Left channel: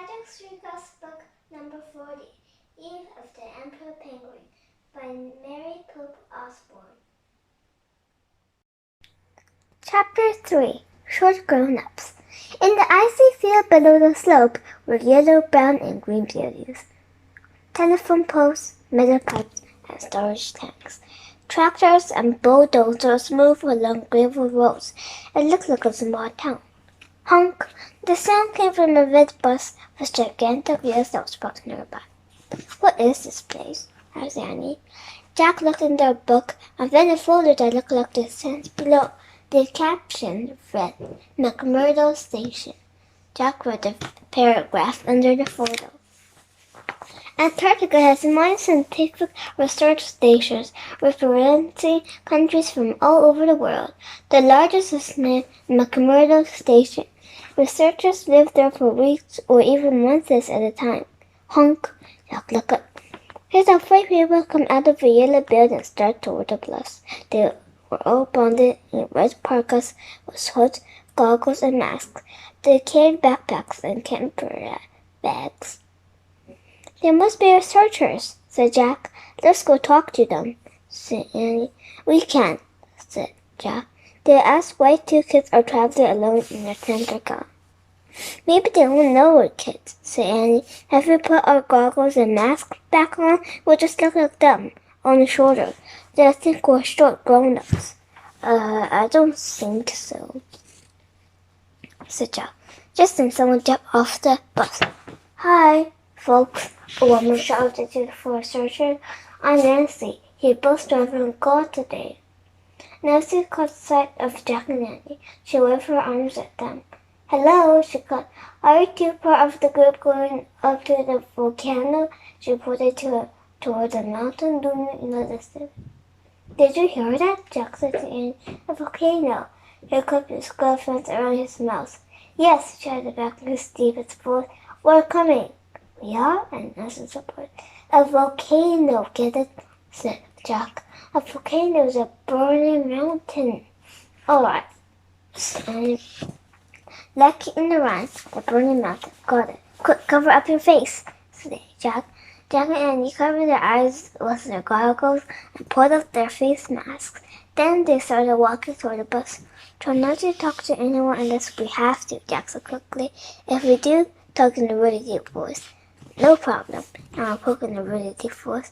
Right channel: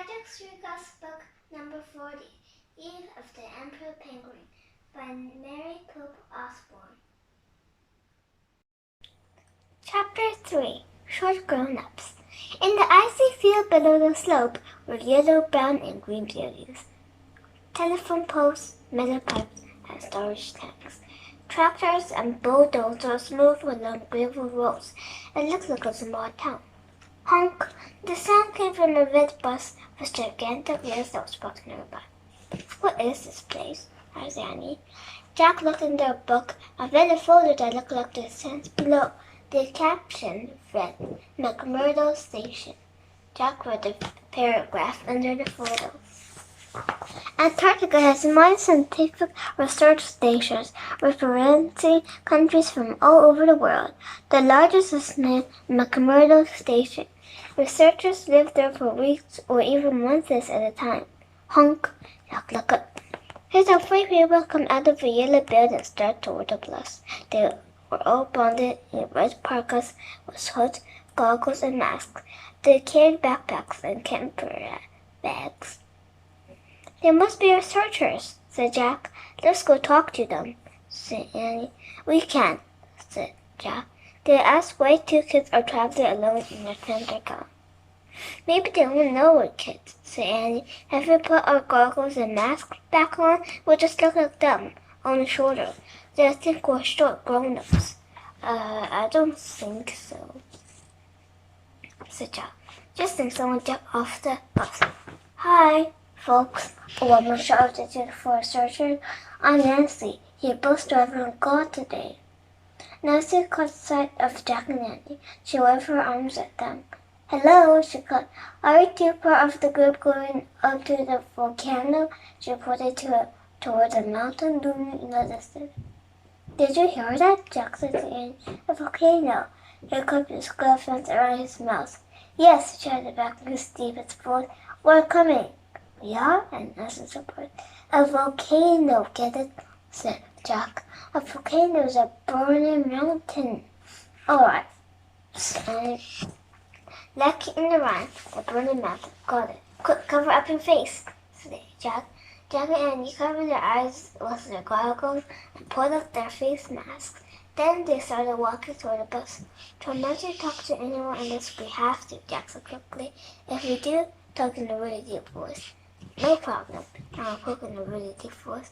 Magic Sugar's book number 40, Eve of the Emperor Penguin, by Mary Pope Osborne. Chapter 3, Short Grown-Ups. In the icy field below the slope were yellow, brown, and green beauties. Telephone poles, metal pipes, and storage tanks. Tractors and bulldozers moved along gravel roads. It looked like a small town. Honk! The sound came from a red bus with gigantic wheels that was parked nearby. What is this place? Asked Annie. Jack looked in their book and found a folder that looked like the signs below. The caption read, McMurdo Station. Jack read the paragraph under the folder. Antarctica has many scientific research stations representing countries from all over the world. The largest is named McMurdo Station. Researchers live there for weeks or even months at a time. Honk! Jack looked up. He saw 3 people come out of a yellow building and start toward the bus. They were all bonded in red parkas with hoods, goggles, and masks. They carried backpacks and camper bags. They must be researchers, said Jack. Let's go talk to them, said Annie. We can't, said Jack. They asked why 2 kids are traveling alone in Antarctica. Maybe they don't know we're kids, said Annie. If we put our goggles and masks back on, we'll just look like them, only shorter. They'll think we're short grown-ups. I don't think so, said Jack. Just then someone jumped off the bus. Hi, folks, a woman shouted to the 4 researchers. I'm Nancy. You're both driving a car today. Nancy caught sight of Jack and Annie. She waved her arms at them. Hello, she called. Are you 2 part of the group going up to the volcano? She pointed toward the mountain looming in the distance. Did you hear that? Jack said to Annie. A volcano. He clipped his gloves around his mouth. Yes, shouted back his deepest voice. We're coming. We are? And Nancy supported. A volcano, get it? Said Jack. A volcano is a burning mountain. All right. And Lucky in the rhyme, the burning mountain. Got it. Quick, cover up your face, said Jack. Jack and Annie covered their eyes with their goggles and pulled off their face masks. Then they started walking toward the bus. Try not to talk to anyone unless we have to, Jack said quickly. If we do, talk in a really deep voice. No problem. I'll poke in a really deep voice.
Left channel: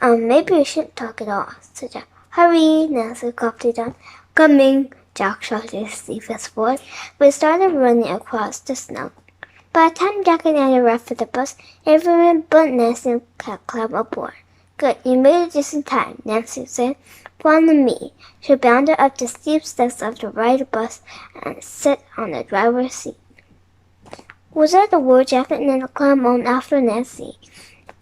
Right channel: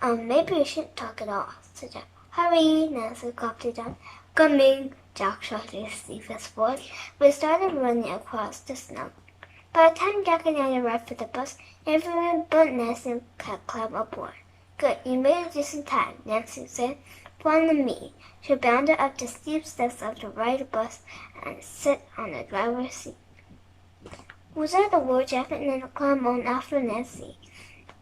Maybe we shouldn't talk at all, said Jack. Hurry, Nancy called down. Coming, Jack shouted his deepest voice. We started running across the snow. By the time Jack and Annie arrived at the bus, everyone but Nancy had climbed aboard. Good, you made it just in time, Nancy said. Follow me. She bounded up the steep steps of the right bus and sat on the driver's seat. Was that the word Jack and Annie climbed on after Nancy?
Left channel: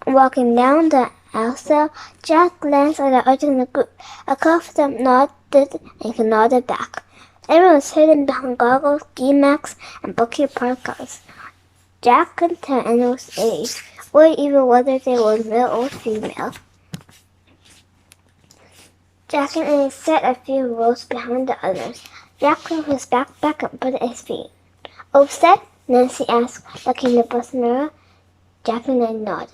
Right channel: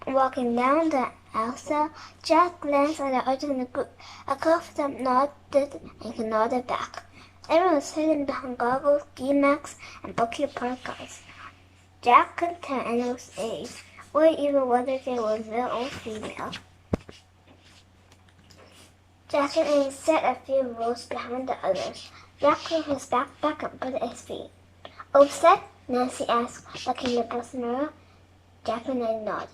Walking down the aisle, Jack glanced at the others in the group. A couple of them nodded and nodded back. Everyone was hidden behind goggles, ski masks, and bulky parkas. Jack couldn't tell anyone's age, or even whether they were male or female. Jack and Annie sat a few rows behind the others. Jack put his backpack and put it at his feet. All set? Nancy asked, looking in the bus mirror. Jack and Annie nodded.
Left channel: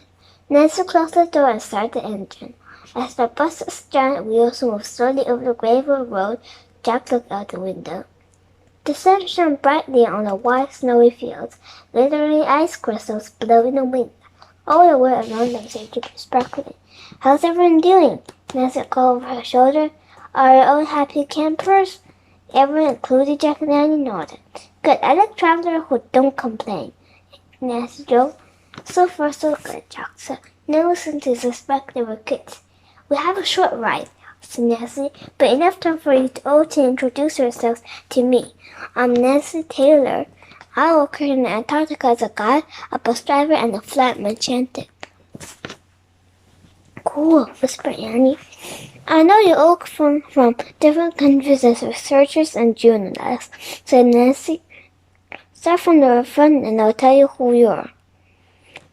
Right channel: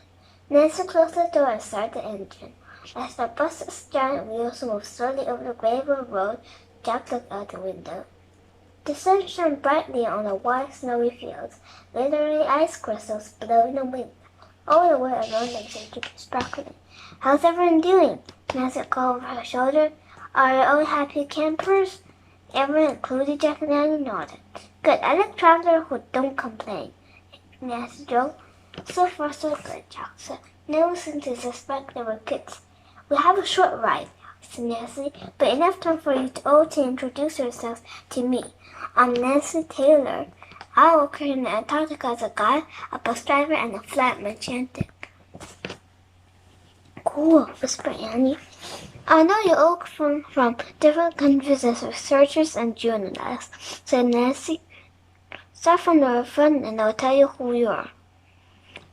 Nancy closed the door and started the engine. As the bus's giant wheels moved slowly over the gravel road, Jack looked out the window. The sun shone brightly on the wide, snowy fields, glittering ice crystals blowing in the wind. All the way around them seemed to be sparkling. How's everyone doing? Nancy called over her shoulder. Are you all happy campers? Everyone, including Jack and Annie, nodded. Good, I like travelers who don't complain, Nancy joked. So far, so good, Jack said. No reason to suspect they were kids. We have a short ride, said Nancy, but enough time for you all to introduce yourselves to me. I'm Nancy Taylor. I work here in Antarctica as a guide, a bus driver, and a flatman chanted. Cool, whispered Annie. I know you all come from different countries as researchers and journalists, said Nancy. Start from the front and I'll tell you who you are.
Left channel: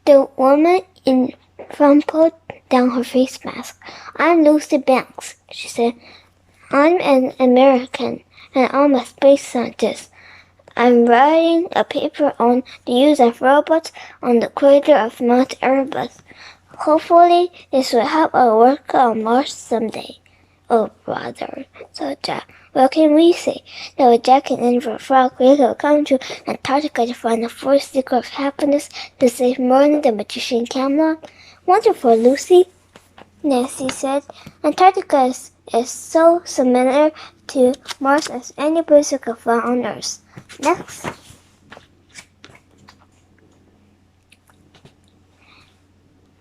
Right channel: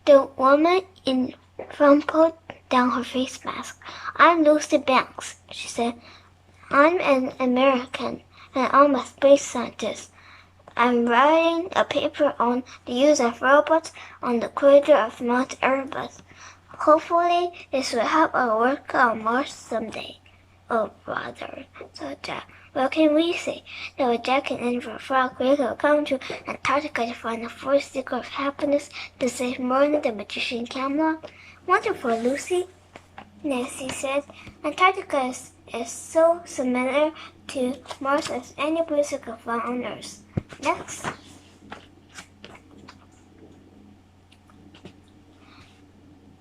The woman in front pulled down her face mask. I'm Lucy Banks, she said. I'm an American, and I'm a space scientist. I'm writing a paper on the use of robots on the crater of Mount Erebus. Hopefully, this will help our work on Mars someday. Oh, brother, said Jack. What can we say? There was Jack and Annie for a frog. We could come to Antarctica to find the fourth secret of happiness to save Merlin, the magician Camelot. Wonderful, Lucy, Nancy said. Antarctica is so similar to Mars as any place you could find on Earth. Next.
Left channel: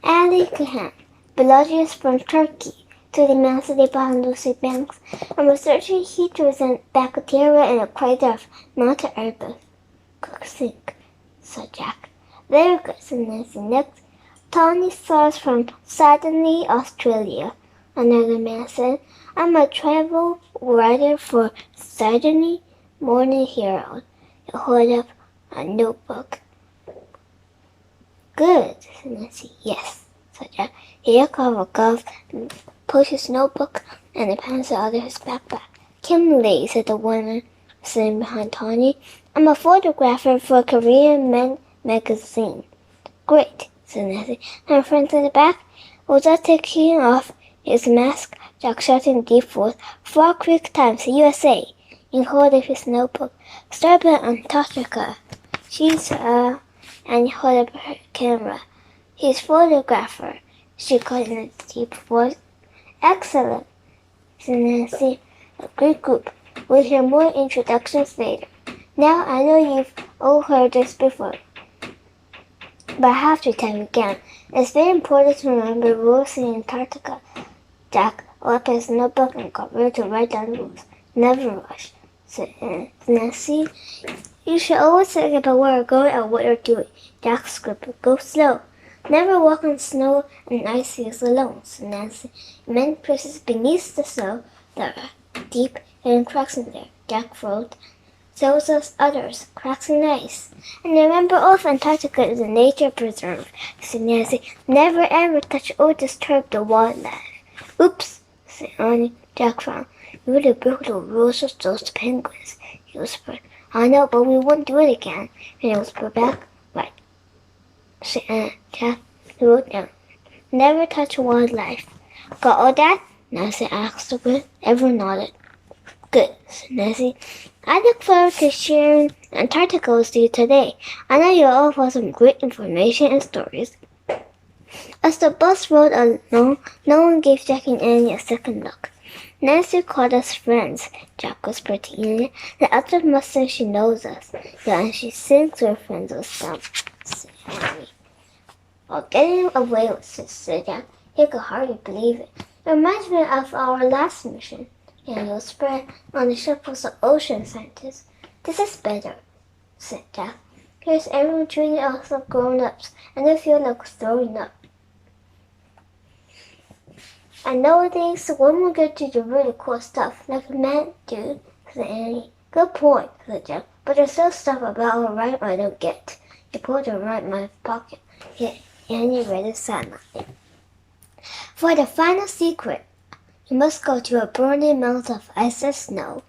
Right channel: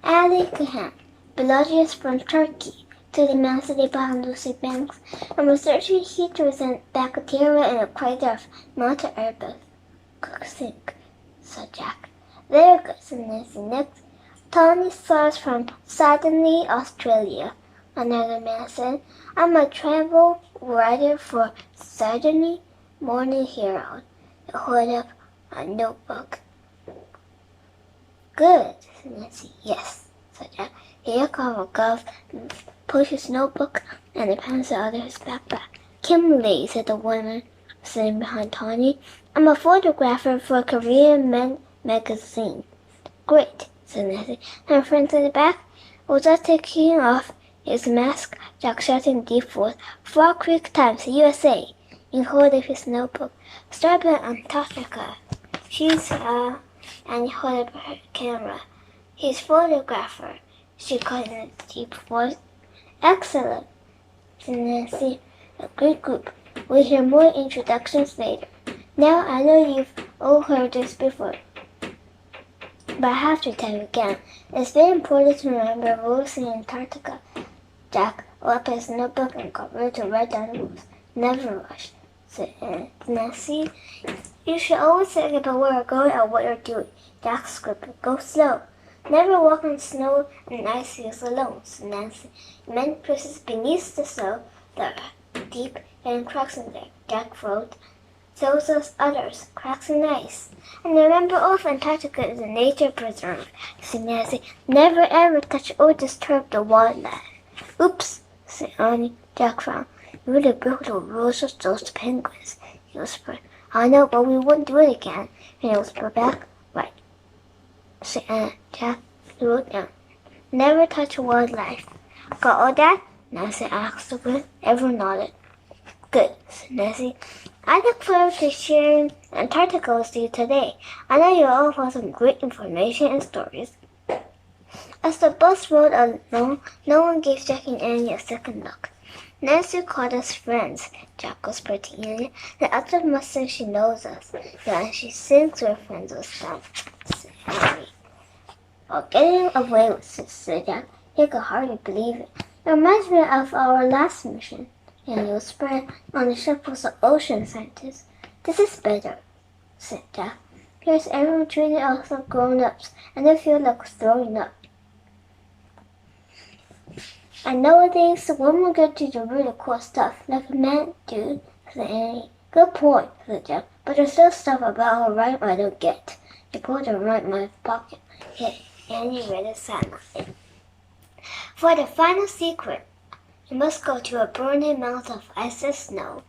Ali Khan, biologist from Turkey, to the master behind Lucy Banks. I'm researching heaters and bacteria in a crater of Mount Erebus. Cook sink, said Jack. Very good, said Nancy. Next, Tony Stars from Sydney, Australia. Another man said, I'm a travel writer for Sydney Morning Herald. He held up a notebook. Good, said Nancy. Yes, said Jack. Here comes a glove, pushed his notebook and a pencil out of his backpack. Kimberly, said the woman sitting behind Tony. I'm a photographer for Korean Men magazine. Great, said Nancy. And friends in the back was just taking off his mask. Jack shouted in deep voice, Frog Creek Times, USA. He held up his notebook. Starboard Antarctica. She's and he held up her camera. He's photographer, she called in a deep voice. Excellent, said Nancy. A great group. We'll hear more introductions later. Now I know you've all heard this before, but I have to tell you again. It's very important to remember rules in Antarctica. Jack opened his notebook and got ready to write down the rules. Never rush, said Nancy. You should always think about where you're going and what you're doing. Jack scribbled. Go slow. Never walk on snow and ice fields alone, said Nancy. Many places beneath the snow there are deep hidden cracks in there. Jack wrote. So does others, cracks in ice. And remember, all of Antarctica is a nature preserve, said Nancy. Never ever touch or disturb the wildlife. Oops, said Annie. Jack frowned. You really broke the rules of those penguins, he whispered. I know, but we won't do it again. And he whispered back. Right, said Jack. He wrote down. Never touch wildlife. Got all that? Nancy asked the group. Everyone nodded. Good, said Nancy. I look forward to sharing Antarctica with you today. I know you'll all have some great information and stories. As the bus rode along, no one gave Jack and Annie a second look. Nancy called us friends, Jack whispered to Annie. The others must think she knows us. Then she thinks we're friends with them, said Annie. Oh, getting away with this, said Jack. He could hardly believe it. It reminds me of our last mission. Annie whispered. On the ship was the ocean scientist. This is better, said Jack. Here's everyone treating us like grown-ups, and they feel like throwing up. I know things when we get to the really cool stuff, like a man, dude, said Annie. Good point, said Jack. But there's still stuff about our rhyme I don't get. He pulled a rhyme in my pocket. Yet Annie read it silently. For the final secret, you must go to a burning mountain of ice and snow,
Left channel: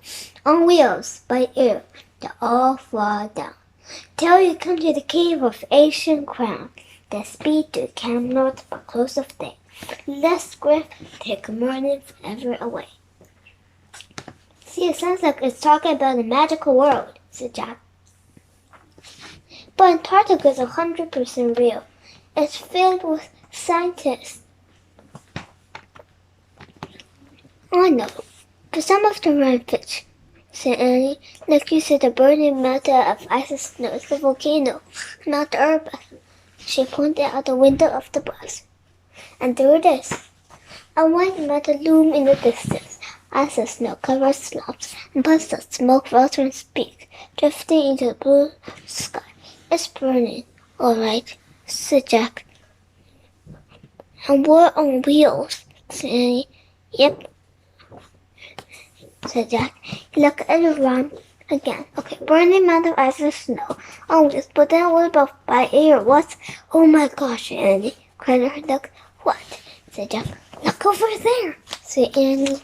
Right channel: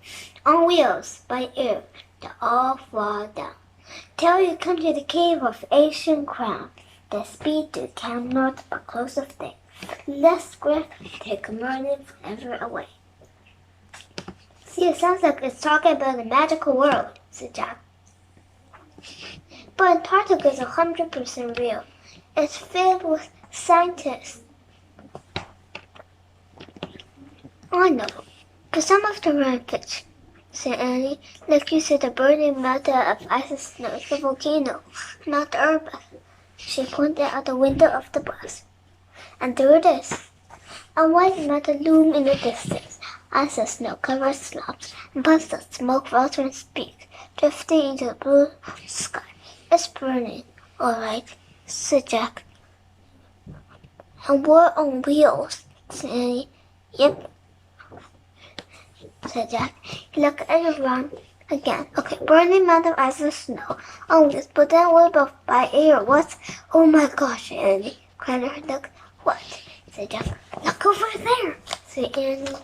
on wheels, by air, to all fall down. Till you come to the cave of ancient crown, the speed to Camelot by close of day. Let's grip, take Merlin forever away. See, it sounds like it's talking about the magical world, said Jack. But Antarctica is 100% real. It's filled with scientists. I know, but some of them are pitch, said Annie. Like you said, the burning mountain of ice and snow is the volcano, not the Erebus. She pointed out the window of the bus. And there it is. A white mountain loomed in the distance. Ice and snow covered slopes and puffs of smoke rose from its peak, drifting into the blue sky. It's burning, all right, said Jack. And we're on wheels, said Annie. Yep, said Jack. He looked around again. Okay, burning mountain ice and snow on wheels, but then what about by air? What? Oh my gosh, Annie, cried her duck. What? Said Jack. Look over there, said Annie.